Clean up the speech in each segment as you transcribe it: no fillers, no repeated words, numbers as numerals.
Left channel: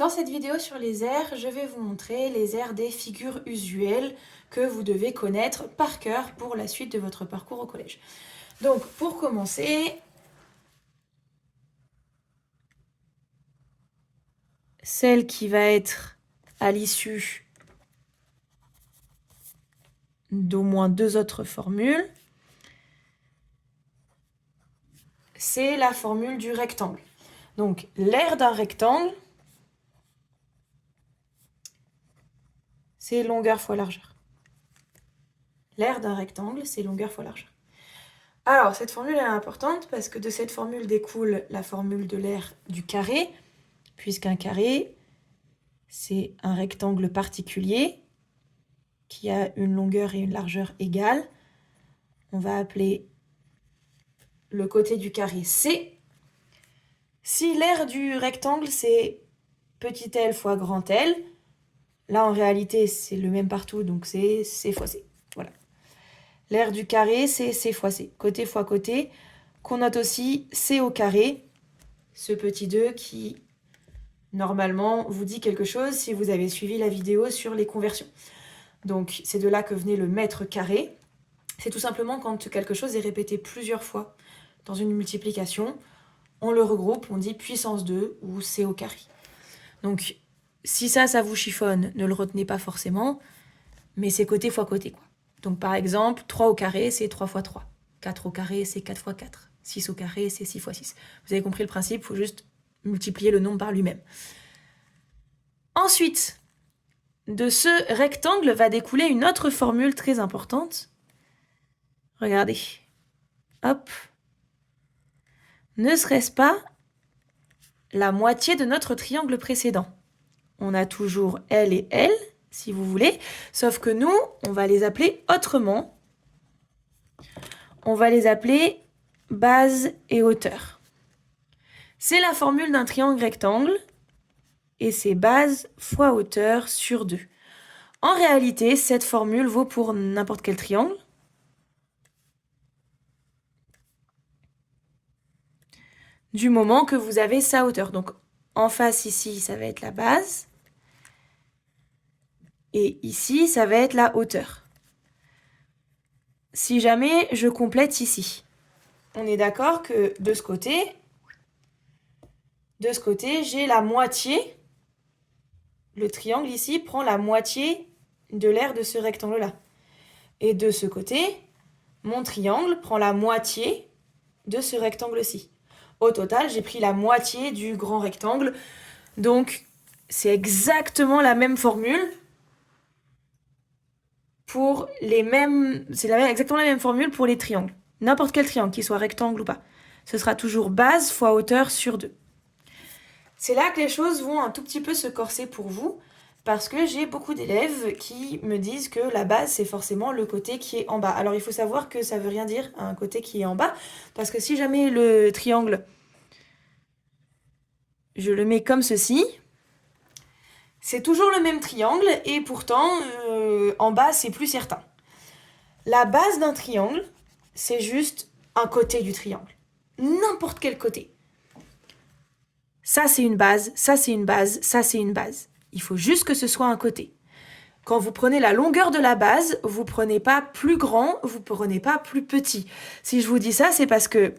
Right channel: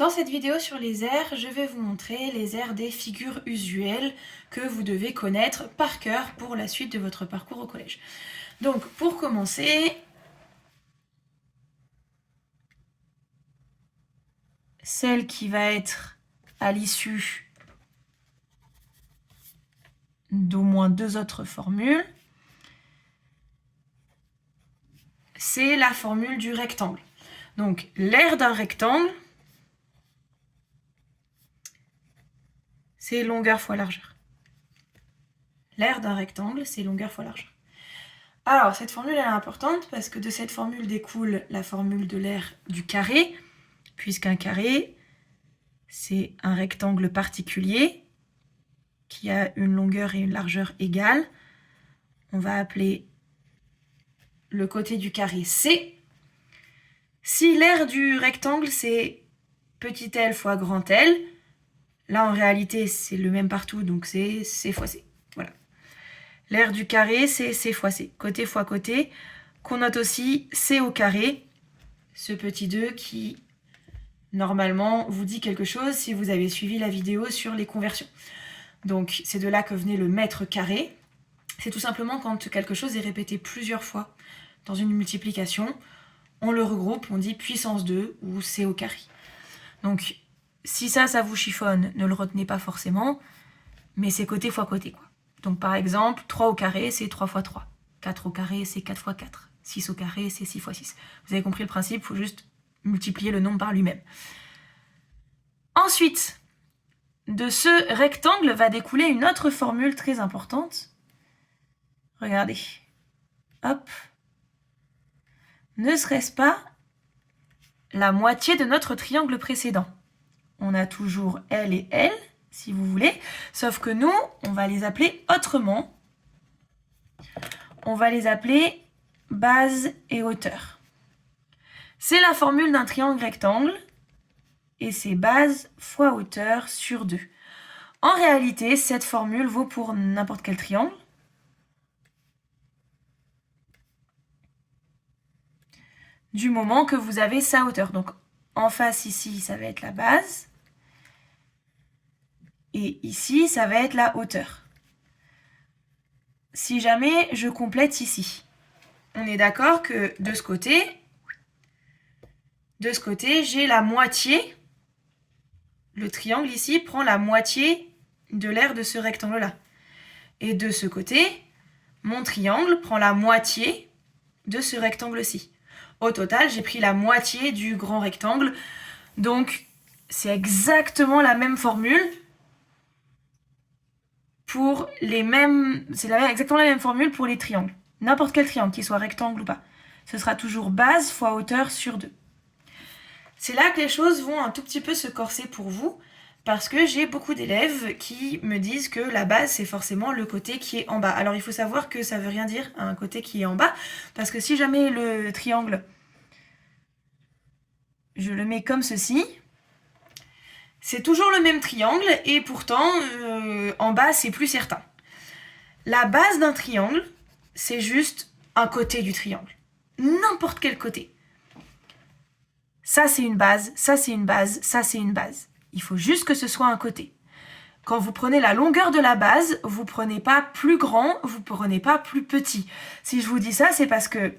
Dans cette vidéo sur les aires, je vais vous montrer les aires des figures usuelles que vous devez connaître par cœur pour la suite de votre parcours au collège. Donc, pour commencer, celle qui va être à l'issue d'au moins deux autres formules, c'est la formule du rectangle. Donc, l'aire d'un rectangle, c'est longueur fois largeur. L'aire d'un rectangle, c'est longueur fois largeur. Alors, cette formule elle est importante parce que de cette formule découle la formule de l'aire du carré, puisqu'un carré, c'est un rectangle particulier qui a une longueur et une largeur égales. On va appeler le côté du carré C. Si l'aire du rectangle, c'est petit l fois grand L, là en réalité c'est le même partout, donc c'est C fois C. Voilà. L'aire du carré, c'est C fois C, côté fois côté, qu'on note aussi C au carré, ce petit 2 qui, normalement, vous dit quelque chose si vous avez suivi la vidéo sur les conversions. Donc, c'est de là que venait le mètre carré. C'est tout simplement quand quelque chose est répété plusieurs fois dans une multiplication, on le regroupe, on dit puissance 2 ou C au carré. Donc, si ça vous chiffonne, ne le retenez pas forcément, mais c'est côté fois côté, quoi. Donc, par exemple, 3 au carré, c'est 3 fois 3. 4 au carré, c'est 4 fois 4. 6 au carré, c'est 6 fois 6. Vous avez compris le principe, il faut juste multiplier le nombre par lui-même. Ensuite, de ce rectangle va découler une autre formule très importante. Regardez. Hop. Ne serait-ce pas la moitié de notre triangle précédent? On a toujours L et L, si vous voulez, sauf que nous, on va les appeler autrement. On va les appeler base et hauteur. C'est la formule d'un triangle rectangle, et c'est base fois hauteur sur 2. En réalité, cette formule vaut pour n'importe quel triangle. Du moment que vous avez sa hauteur. Donc, en face, ici, ça va être la base. Et ici, ça va être la hauteur. Si jamais je complète ici, on est d'accord que de ce côté, j'ai la moitié. Le triangle ici prend la moitié de l'aire de ce rectangle-là. Et de ce côté, mon triangle prend la moitié de ce rectangle-ci. Au total, j'ai pris la moitié du grand rectangle. Donc, c'est exactement la même formule pour les mêmes... C'est exactement la même formule pour les triangles. N'importe quel triangle, qu'il soit rectangle ou pas. Ce sera toujours base fois hauteur sur 2. C'est là que les choses vont un tout petit peu se corser pour vous, parce que j'ai beaucoup d'élèves qui me disent que la base, c'est forcément le côté qui est en bas. Alors, il faut savoir que ça veut rien dire, un côté qui est en bas, parce que si jamais le triangle, je le mets comme ceci, c'est toujours le même triangle, et pourtant, en bas, c'est plus certain. La base d'un triangle, c'est juste un côté du triangle. N'importe quel côté. Ça, c'est une base, ça, c'est une base, ça, c'est une base. Il faut juste que ce soit un côté. Quand vous prenez la longueur de la base, vous prenez pas plus grand, vous prenez pas plus petit. Si je vous dis ça, c'est parce que,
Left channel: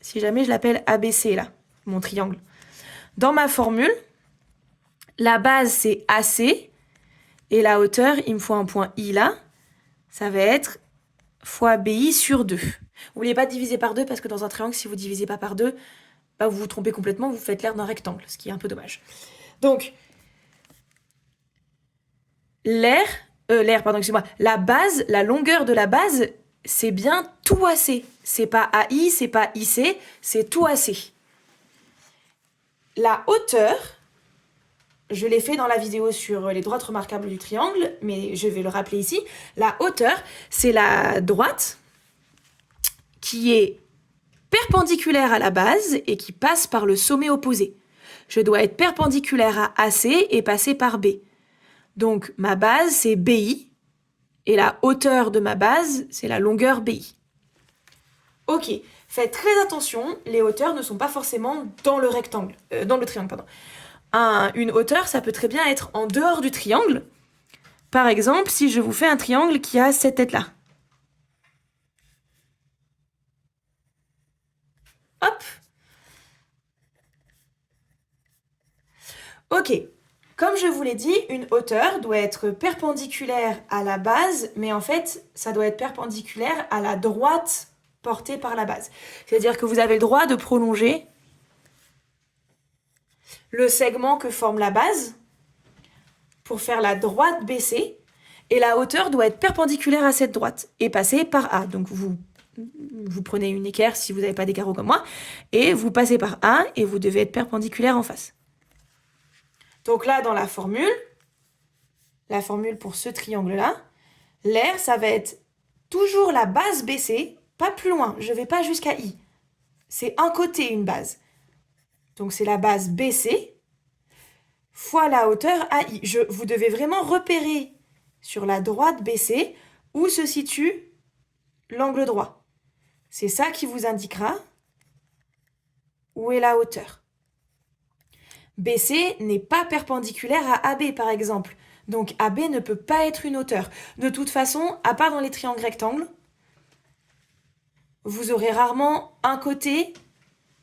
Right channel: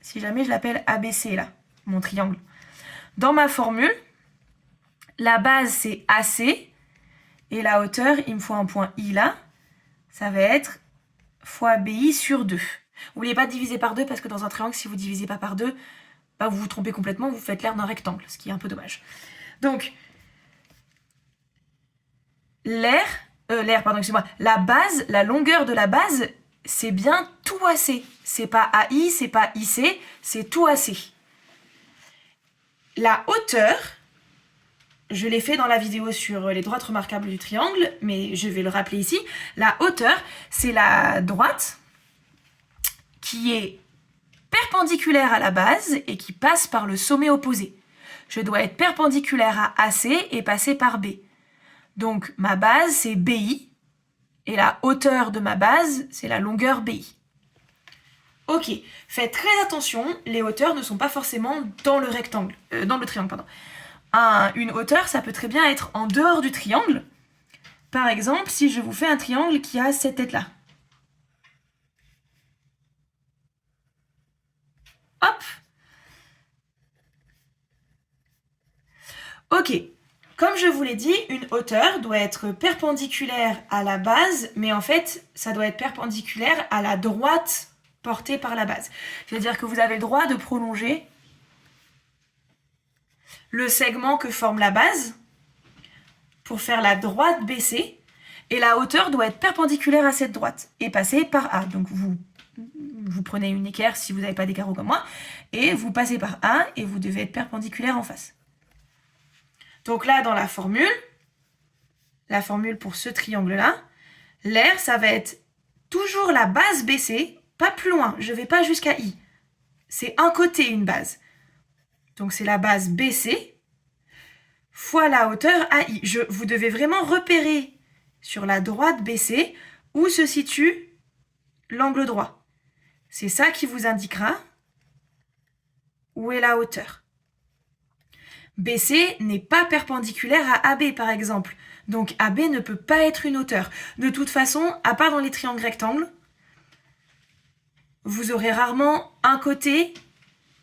si jamais je l'appelle ABC, là, mon triangle, dans ma formule, la base, c'est AC, et la hauteur, il me faut un point I là, ça va être fois BI sur 2. N'oubliez pas de diviser par 2, parce que dans un triangle, si vous ne divisez pas par 2, bah vous vous trompez complètement, vous faites l'aire d'un rectangle, ce qui est un peu dommage. Donc, la base, la longueur de la base, c'est bien tout AC. C'est pas AI, c'est pas IC, c'est tout AC. La hauteur, je l'ai fait dans la vidéo sur les droites remarquables du triangle, mais je vais le rappeler ici. La hauteur, c'est la droite qui est perpendiculaire à la base et qui passe par le sommet opposé. Je dois être perpendiculaire à AC et passer par B. Donc ma base, c'est BI, et la hauteur de ma base, c'est la longueur BI. Ok, faites très attention, les hauteurs ne sont pas forcément dans le rectangle, dans le triangle, pardon. une hauteur, ça peut très bien être en dehors du triangle. Par exemple, si je vous fais un triangle qui a cette tête-là. Hop. Ok. Comme je vous l'ai dit, une hauteur doit être perpendiculaire à la base, mais en fait, ça doit être perpendiculaire à la droite portée par la base. C'est-à-dire que vous avez le droit de prolonger le segment que forme la base pour faire la droite baissée, et la hauteur doit être perpendiculaire à cette droite et passer par A. Donc vous prenez une équerre si vous n'avez pas des carreaux comme moi, et vous passez par A et vous devez être perpendiculaire en face. Donc là, dans la formule pour ce triangle-là, l'air, ça va être toujours la base baissée, pas plus loin, je ne vais pas jusqu'à I. C'est un côté une base. Donc c'est la base baissée fois la hauteur AI. Vous devez vraiment repérer sur la droite baissée où se situe l'angle droit. C'est ça qui vous indiquera où est la hauteur. BC n'est pas perpendiculaire à AB par exemple. Donc AB ne peut pas être une hauteur. De toute façon, à part dans les triangles rectangles, vous aurez rarement un côté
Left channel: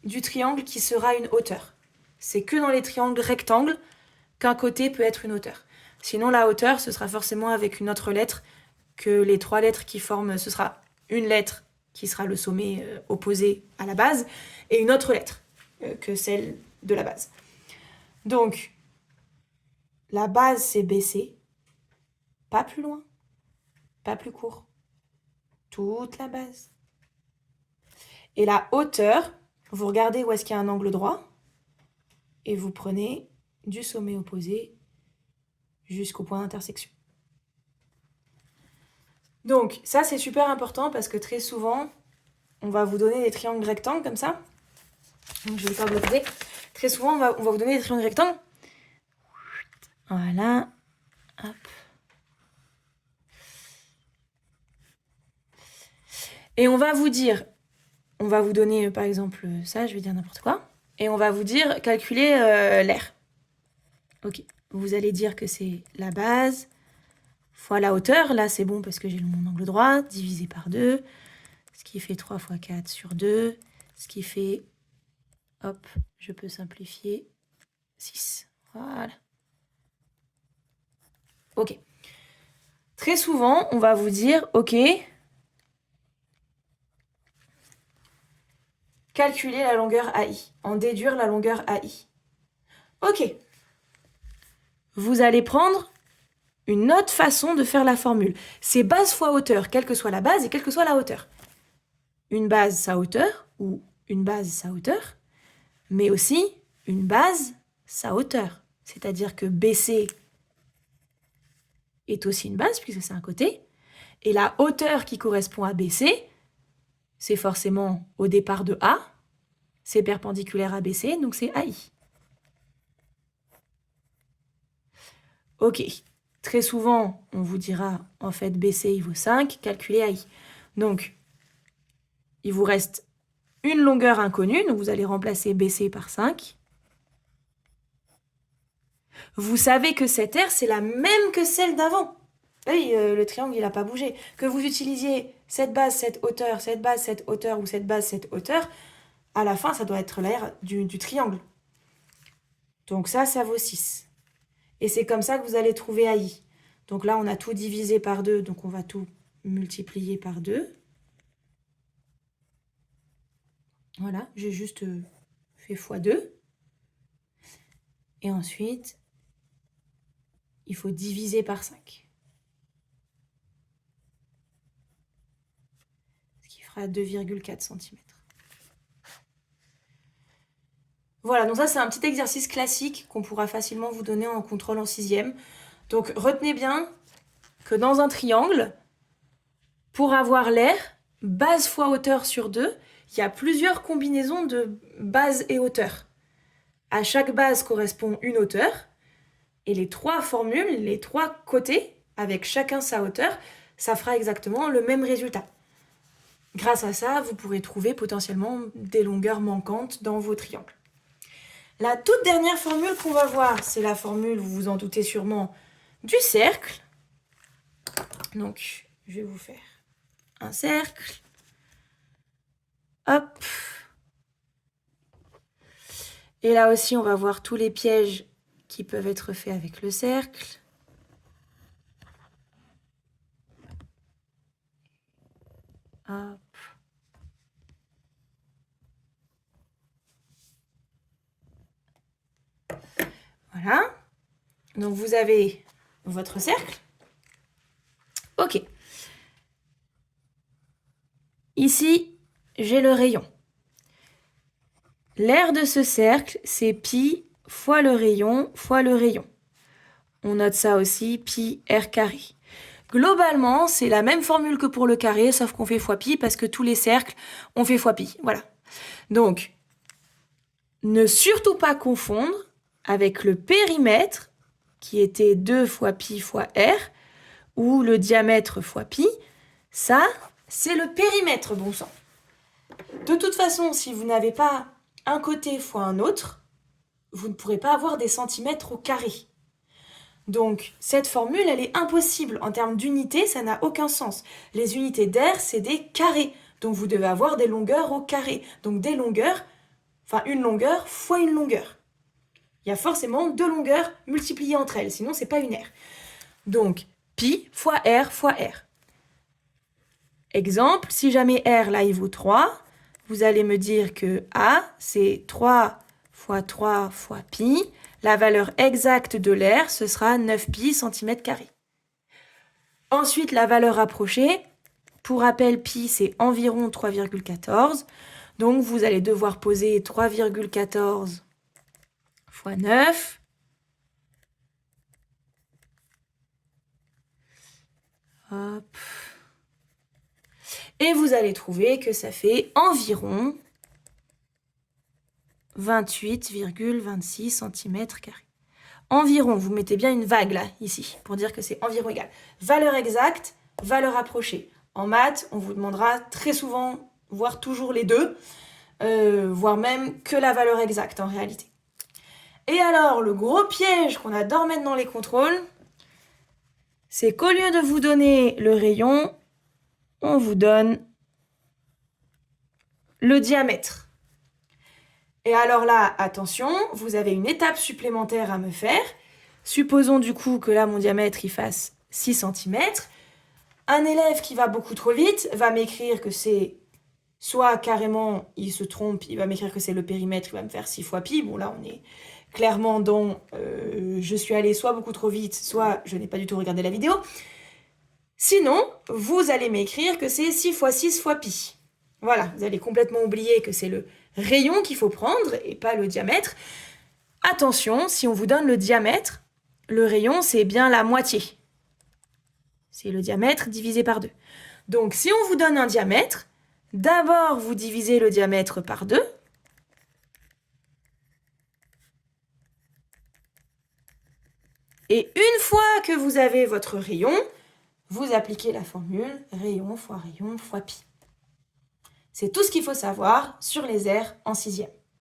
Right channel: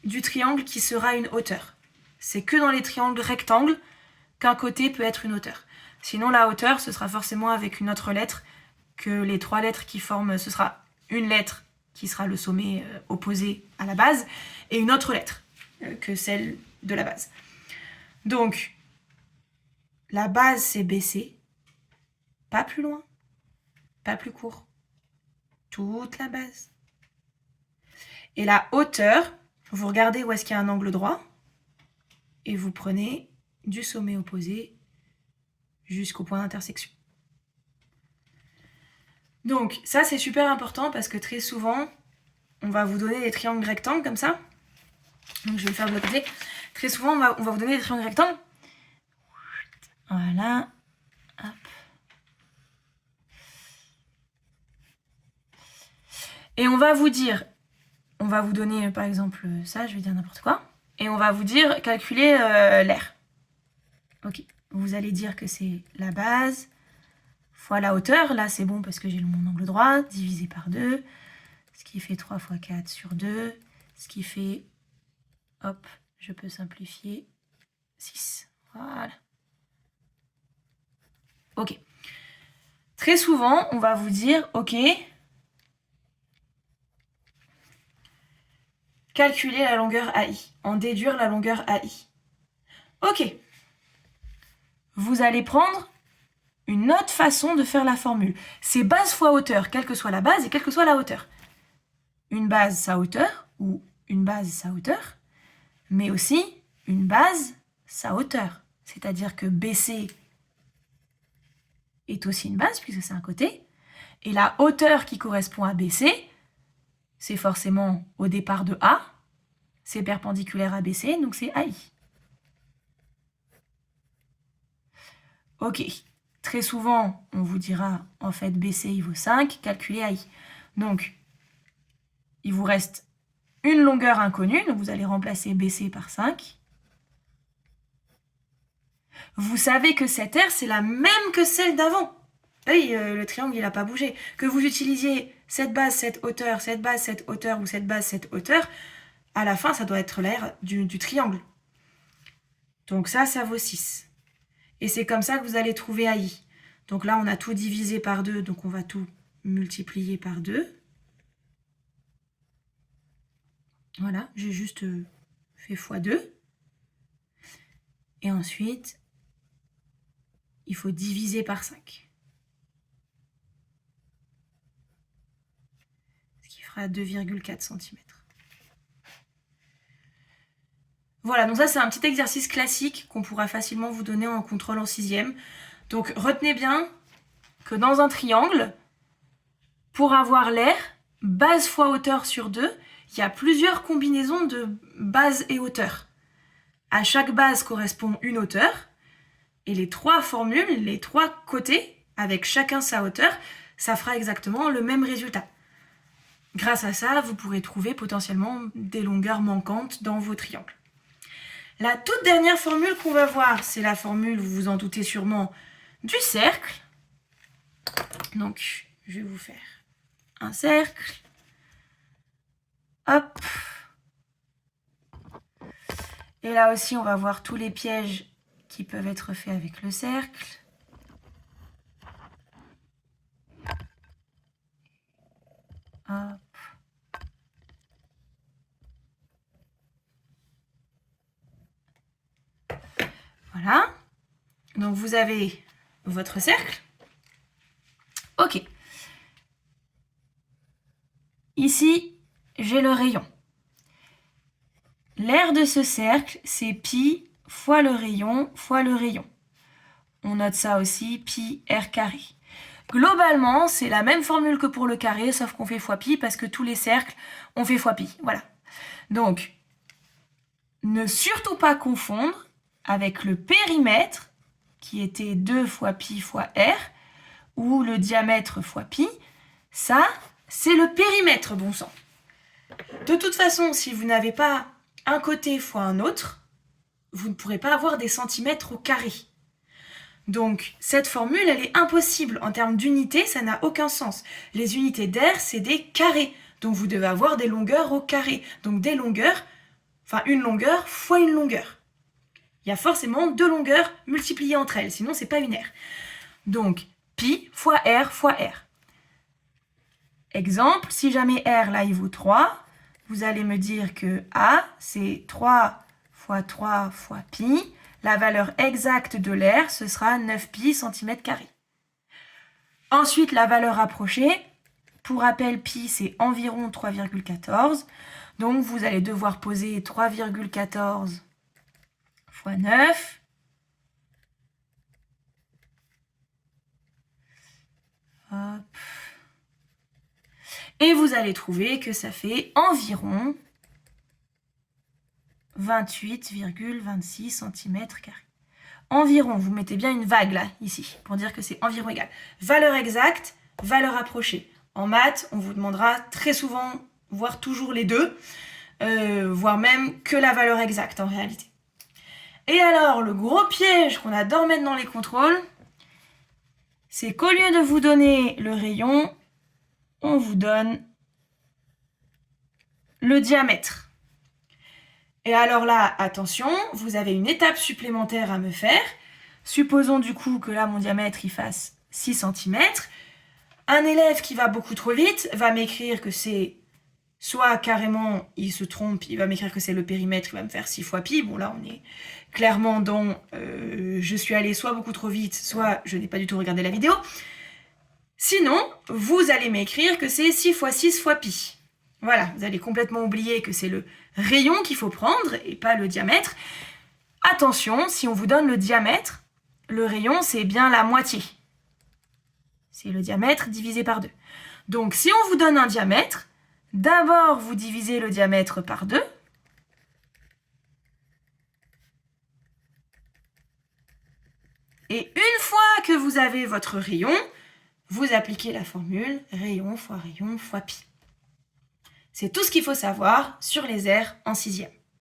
du triangle qui sera une hauteur. C'est que dans les triangles rectangles qu'un côté peut être une hauteur. Sinon, la hauteur, ce sera forcément avec une autre lettre que les 3 lettres qui forment. Ce sera une lettre qui sera le sommet opposé à la base et une autre lettre que celle de la base. Donc, la base, c'est BC, pas plus loin, pas plus court, toute la base. Et la hauteur, vous regardez où est-ce qu'il y a un angle droit et vous prenez du sommet opposé jusqu'au point d'intersection. Donc, ça, c'est super important parce que très souvent, on va vous donner des triangles rectangles comme ça. Donc, je vais faire bloquer. Très souvent, on va vous donner des triangles rectangles. Voilà. Hop. Et on va vous dire, on va vous donner par exemple ça, je vais dire n'importe quoi. Et on va vous dire, calculer l'air. Ok. Vous allez dire que c'est la base fois la hauteur. Là, c'est bon parce que j'ai mon angle droit, divisé par 2. Ce qui fait 3 fois 4 sur 2. Ce qui fait, hop, je peux simplifier, 6. Voilà. Ok. Très souvent, on va vous dire, ok, calculer la longueur AI, en déduire la longueur AI. Ok. Vous allez prendre une autre façon de faire la formule. C'est base fois hauteur, quelle que soit la base et quelle que soit la hauteur. Une base, sa hauteur, ou une base, sa hauteur, mais aussi une base, sa hauteur. C'est-à-dire que BC est aussi une base, puisque c'est un côté, et la hauteur qui correspond à BC, c'est forcément au départ de A, c'est perpendiculaire à BC, donc c'est AI. Ok, très souvent, on vous dira, en fait, BC, il vaut 5, calculez AI. Donc, il vous reste une longueur inconnue, donc vous allez remplacer BC par 5. Vous savez que cette R, c'est la même que celle d'avant. Oui, le triangle, il n'a pas bougé. Que vous utilisiez cette base, cette hauteur, cette base, cette hauteur ou cette base, cette hauteur, à la fin, ça doit être l'air du triangle. Donc ça vaut 6. Et c'est comme ça que vous allez trouver AI. Donc là, on a tout divisé par 2, donc on va tout multiplier par 2. Voilà, j'ai juste fait x2. Et ensuite, il faut diviser par 5. Ce qui fera 2,4 cm. Voilà, donc ça c'est un petit exercice classique qu'on pourra facilement vous donner en contrôle en 6e. Donc retenez bien que dans un triangle, pour avoir l'air, base fois hauteur sur 2, il y a plusieurs combinaisons de base et hauteur. À chaque base correspond une hauteur, et les 3 formules, les 3 côtés, avec chacun sa hauteur, ça fera exactement le même résultat. Grâce à ça, vous pourrez trouver potentiellement des longueurs manquantes dans vos triangles. La toute dernière formule qu'on va voir, c'est la formule, vous vous en doutez sûrement, du cercle. Donc, je vais vous faire un cercle. Hop. Et là aussi, on va voir tous les pièges qui peuvent être faits avec le cercle. Hop. Voilà. Donc, vous avez votre cercle. OK. Ici, j'ai le rayon. L'aire de ce cercle, c'est pi fois le rayon fois le rayon. On note ça aussi, pi r carré. Globalement, c'est la même formule que pour le carré, sauf qu'on fait fois pi parce que tous les cercles, on fait fois pi. Voilà. Donc, ne surtout pas confondre avec le périmètre, qui était 2 fois pi fois r, ou le diamètre fois pi. Ça, c'est le périmètre, bon sang. De toute façon, si vous n'avez pas un côté fois un autre, vous ne pourrez pas avoir des centimètres au carré. Donc, cette formule, elle est impossible. En termes d'unités, ça n'a aucun sens. Les unités d'air, c'est des carrés. Donc, vous devez avoir des longueurs au carré. Donc, des longueurs, enfin, une longueur fois une longueur. Il y a forcément 2 longueurs multipliées entre elles, sinon, c'est pas une aire. Donc, pi fois r fois r. Exemple, si jamais r, là, il vaut 3, vous allez me dire que a, c'est 3 fois 3 fois pi. La valeur exacte de l'air, ce sera 9 pi cm². Ensuite, la valeur rapprochée. Pour rappel, pi, c'est environ 3,14. Donc, vous allez devoir poser 3,14 fois 9. Hop. Et vous allez trouver que ça fait environ 28,26 cm². Environ, vous mettez bien une vague là, ici, pour dire que c'est environ égal. Valeur exacte, valeur approchée. En maths, on vous demandera très souvent, voire toujours les deux, voire même que la valeur exacte en réalité. Et alors, le gros piège qu'on adore mettre dans les contrôles, c'est qu'au lieu de vous donner le rayon, on vous donne le diamètre. Et alors là, attention, vous avez une étape supplémentaire à me faire. Supposons du coup que là, mon diamètre, il fasse 6 cm. Un élève qui va beaucoup trop vite va m'écrire que c'est soit carrément, il se trompe, il va m'écrire que c'est le périmètre, il va me faire 6 fois pi. Bon là, on est clairement dans je suis allé soit beaucoup trop vite, soit je n'ai pas du tout regardé la vidéo. Sinon, vous allez m'écrire que c'est 6 fois 6 fois pi. Voilà, vous allez complètement oublier que c'est le rayon qu'il faut prendre et pas le diamètre. Attention, si on vous donne le diamètre, le rayon, c'est bien la moitié. C'est le diamètre divisé par 2. Donc, si on vous donne un diamètre, d'abord, vous divisez le diamètre par 2. Et une fois que vous avez votre rayon, vous appliquez la formule rayon fois pi. C'est tout ce qu'il faut savoir sur les aires en 6e.